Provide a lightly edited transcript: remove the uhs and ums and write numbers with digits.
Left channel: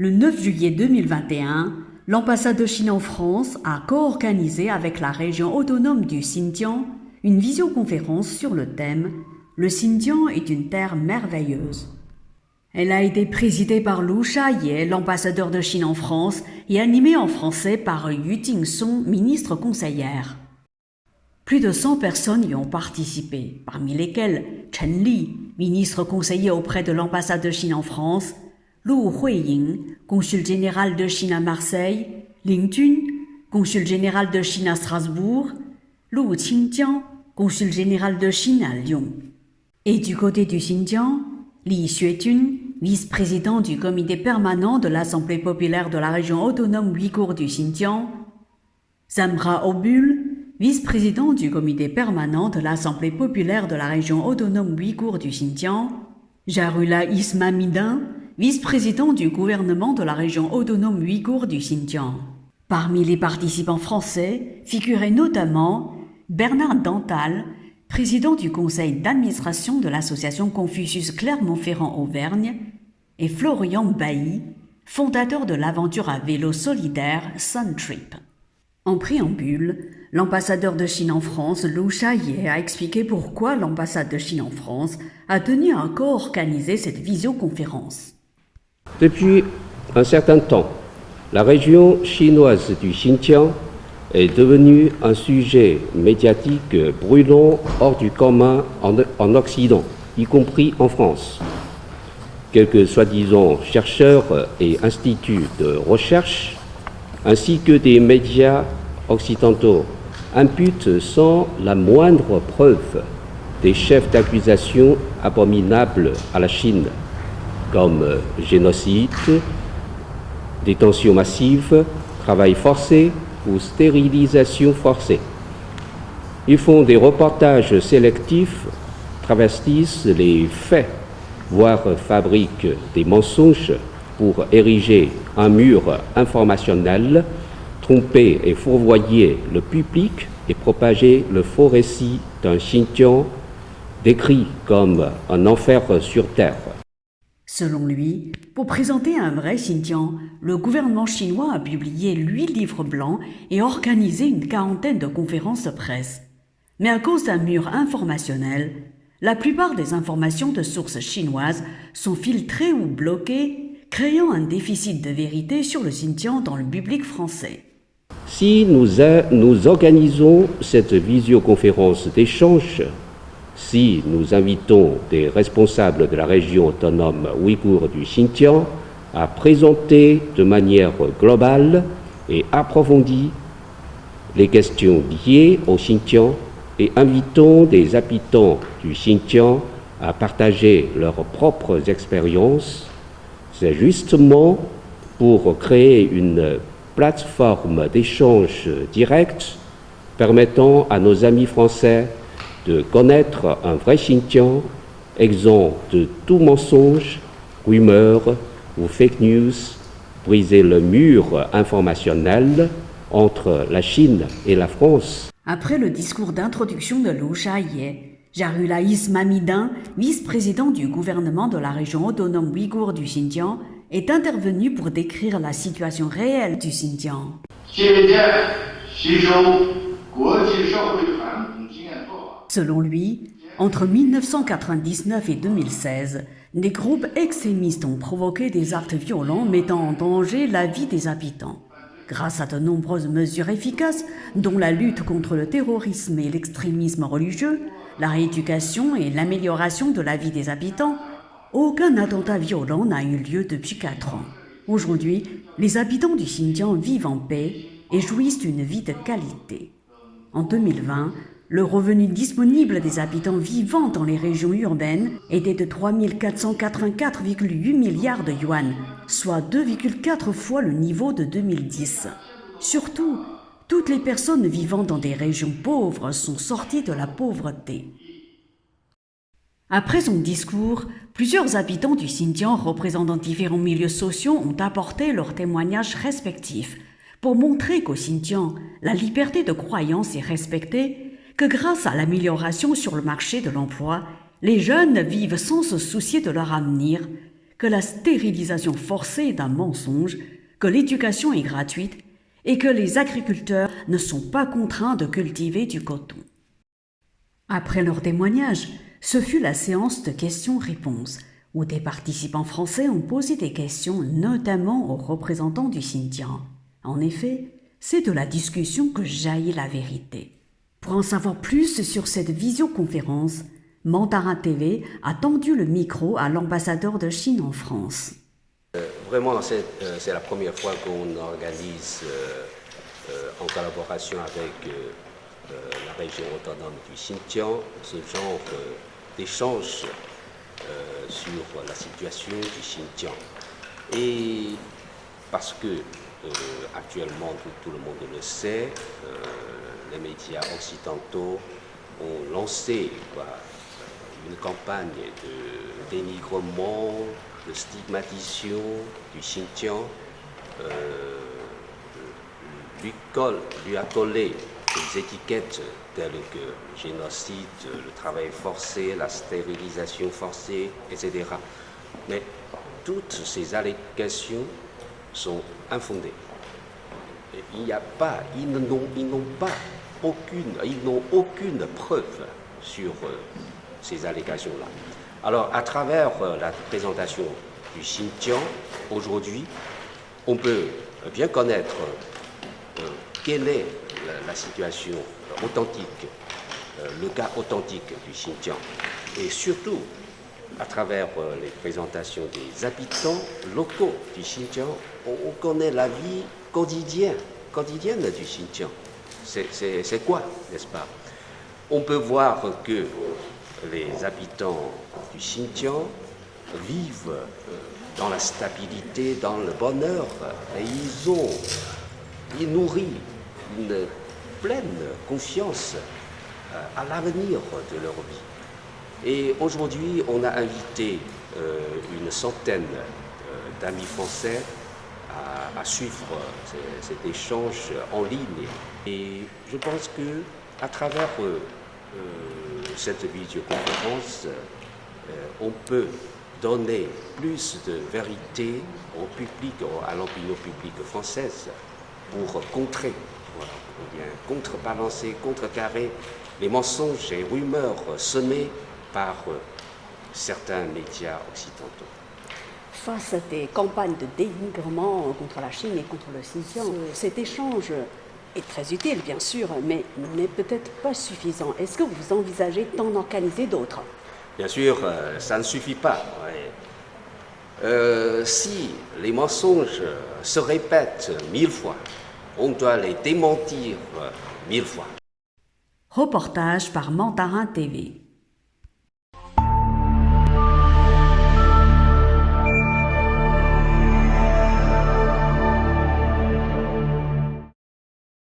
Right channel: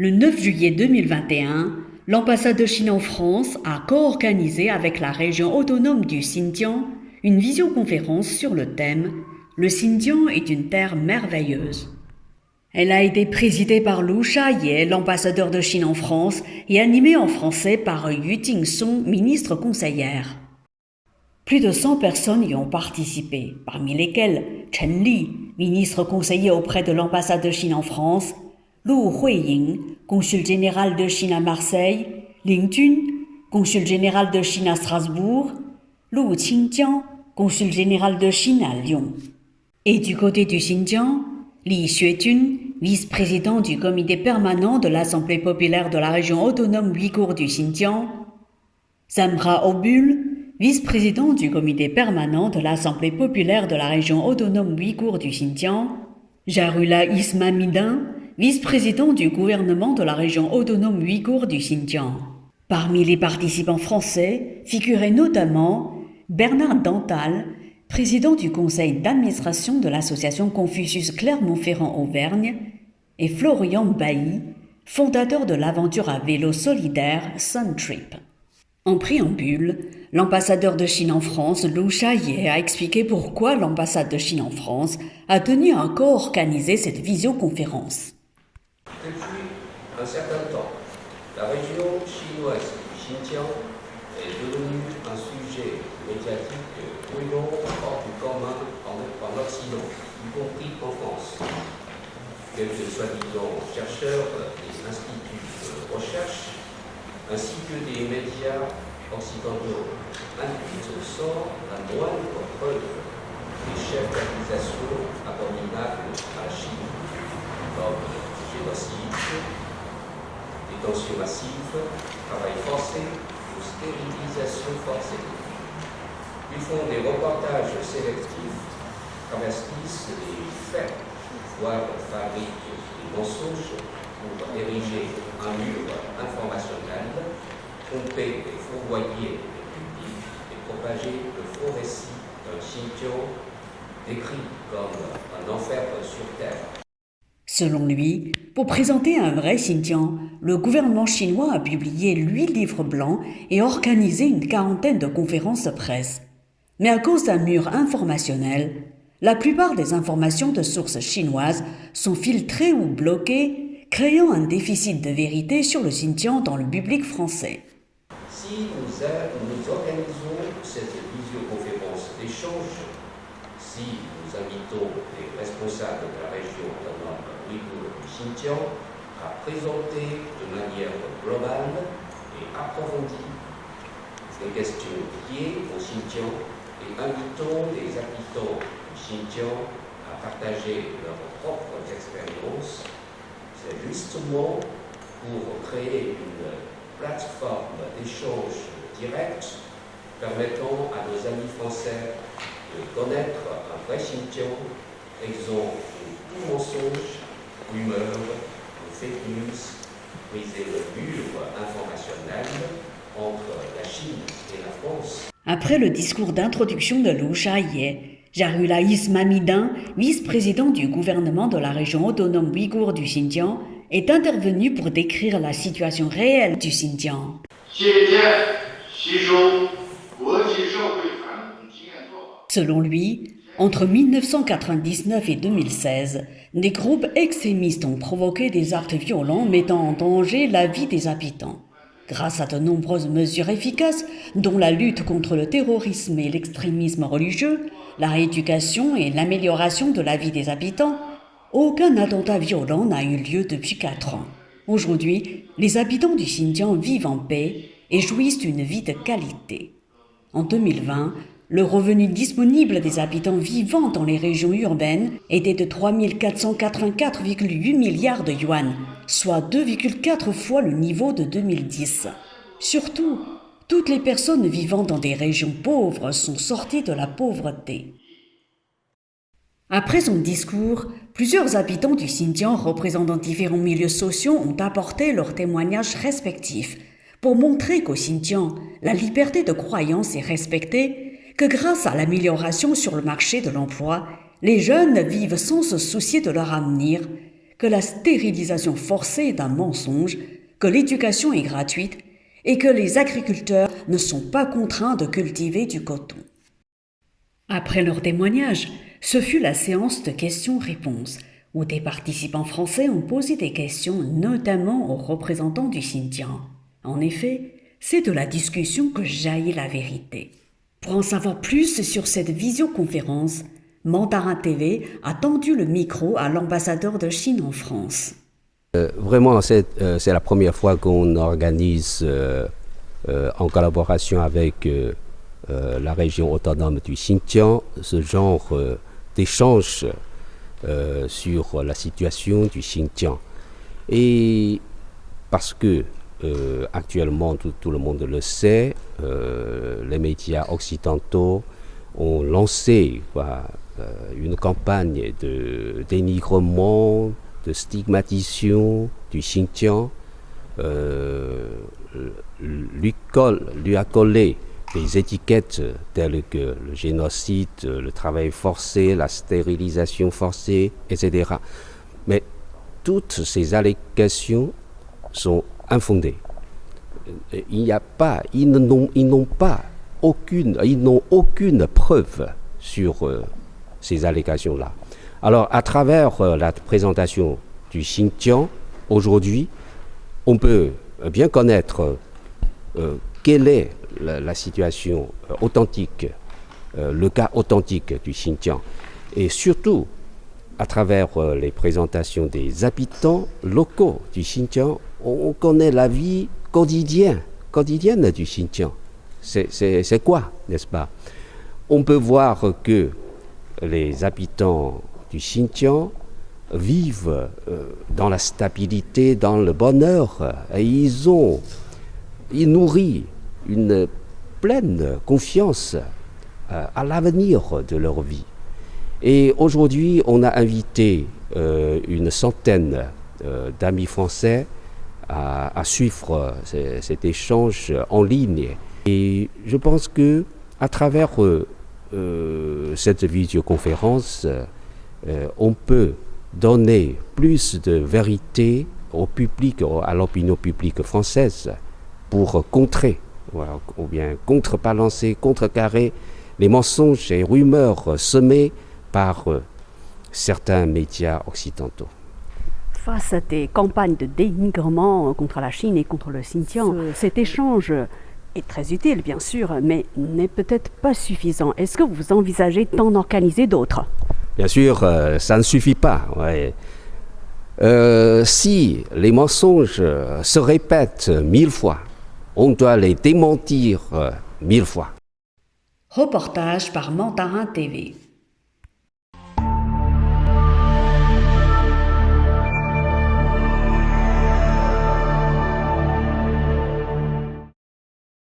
Le 9 juillet 2021, l'ambassade de Chine en France a co-organisé avec la région autonome du Xinjiang une visioconférence sur le thème « Le Xinjiang est une terre merveilleuse ». Elle a été présidée par Lu Shaye, l'ambassadeur de Chine en France, et animée en français par Yu Jingsong, ministre conseillère. Plus de 100 personnes y ont participé, parmi lesquelles Chen Li, ministre conseiller auprès de l'ambassade de Chine en France, Lu Huiying, consul général de Chine à Marseille, Ling Jun, consul général de Chine à Strasbourg, Lu Qingjiang, consul général de Chine à Lyon. Et du côté du Xinjiang, Li Xuejun, vice-président du comité permanent de l'Assemblée populaire de la région autonome ouïghour du Xinjiang, Samra Obul, vice-président du comité permanent de l'Assemblée populaire de la région autonome ouïghour du Xinjiang, Jarullah Ismamidin, vice-président du gouvernement de la région autonome ouïghour du Xinjiang. Parmi les participants français figuraient notamment Bernard Dantal, président du conseil d'administration de l'association Confucius Clermont-Ferrand-Auvergne, et Florian Bailly, fondateur de l'aventure à vélo solidaire Sun Trip. En préambule, l'ambassadeur de Chine en France, Lu Shaye, a expliqué pourquoi l'ambassade de Chine en France a tenu à co-organiser cette visioconférence. Depuis un certain temps, la région chinoise du Xinjiang est devenue un sujet médiatique brûlant hors du commun en Occident, y compris en France. Quelques soi-disant chercheurs et instituts de recherche, ainsi que des médias occidentaux, imputent sans la moindre preuve des chefs d'accusation abominables à la Chine, comme génocide, détention massive, travail forcé ou stérilisation forcée. Ils font des reportages sélectifs, travestissent les faits, voire fabriquent des mensonges pour ériger un mur informationnel, tromper et fourvoyer le public et propager le faux récit d'un Xinjiang décrit comme un enfer sur terre. Selon lui, pour présenter un vrai Xinjiang, le gouvernement chinois a publié 8 livres blancs et organisé une quarantaine de conférences de presse. Mais à cause d'un mur informationnel, la plupart des informations de sources chinoises sont filtrées ou bloquées, créant un déficit de vérité sur le Xinjiang dans le public français. Si nous organisons cette visioconférence d'échange, si nous invitons des responsables de la région autonome ouïghour du Xinjiang à présenter de manière globale et approfondie les questions liées au Xinjiang et invitons des habitants du Xinjiang à partager leurs propres expériences, c'est justement pour créer une plateforme d'échange direct permettant à nos amis français de connaître un vrai Xinjiang, exempt de tout mensonge, rumeur ou fake news, briser le mur informationnel entre la Chine et la France. Après le discours d'introduction de Lu Shaye, Jarullah Ismamidin, vice-président du gouvernement de la région autonome ouïghour du Xinjiang, est intervenu pour décrire la situation réelle du Xinjiang. Selon lui, entre 1999 et 2016, des groupes extrémistes ont provoqué des actes violents mettant en danger la vie des habitants. Grâce à de nombreuses mesures efficaces, dont la lutte contre le terrorisme et l'extrémisme religieux, la rééducation et l'amélioration de la vie des habitants, aucun attentat violent n'a eu lieu depuis 4 ans. Aujourd'hui, les habitants du Xinjiang vivent en paix et jouissent d'une vie de qualité. En 2020, le revenu disponible des habitants vivant dans les régions urbaines était de 3 484,8 milliards de yuan, soit 2,4 fois le niveau de 2010. Surtout, toutes les personnes vivant dans des régions pauvres sont sorties de la pauvreté. Après son discours, plusieurs habitants du Xinjiang représentant différents milieux sociaux ont apporté leurs témoignages respectifs pour montrer qu'au Xinjiang, la liberté de croyance est respectée, que grâce à l'amélioration sur le marché de l'emploi, les jeunes vivent sans se soucier de leur avenir, que la stérilisation forcée est un mensonge, que l'éducation est gratuite et que les agriculteurs ne sont pas contraints de cultiver du coton. Après leur témoignage, ce fut la séance de questions-réponses, où des participants français ont posé des questions notamment aux représentants du Xinjiang. En effet, c'est de la discussion que jaillit la vérité. Pour en savoir plus sur cette visioconférence, Mandarin TV a tendu le micro à l'ambassadeur de Chine en France. Vraiment, c'est la première fois qu'on organise en collaboration avec la région autonome du Xinjiang ce genre d'échange sur la situation du Xinjiang. Et parce que actuellement, tout le monde le sait, les médias occidentaux ont lancé une campagne de dénigrement, de stigmatisation du Xinjiang, lui a collé des étiquettes telles que le génocide, le travail forcé, la stérilisation forcée, etc. Mais toutes ces allégations sont infondées. Ils n'ont aucune preuve sur ces allégations-là. Alors, à travers la présentation du Xinjiang, aujourd'hui, on peut bien connaître quelle est la situation authentique, le cas authentique du Xinjiang. Et surtout, à travers les présentations des habitants locaux du Xinjiang, on connaît la vie quotidienne du Xinjiang. C'est quoi, n'est-ce pas? On peut voir que les habitants du Xinjiang vivent dans la stabilité, dans le bonheur, et ils nourrissent une pleine confiance à l'avenir de leur vie. Et aujourd'hui, on a invité une centaine d'amis français à suivre cet échange en ligne. Et je pense que à travers cette vidéoconférence, on peut donner plus de vérité au public, à l'opinion publique française, pour contrer, ou bien contrebalancer, contrecarrer les mensonges et rumeurs semés par certains médias occidentaux. Face à des campagnes de dénigrement contre la Chine et contre le Xinjiang, cet échange est très utile, bien sûr, mais n'est peut-être pas suffisant. Est-ce que vous envisagez d'en organiser d'autres? Bien sûr, ça ne suffit pas. Ouais. Si les mensonges se répètent 1000 fois, on doit les démentir 1000 fois. Reportage par Mandarin TV.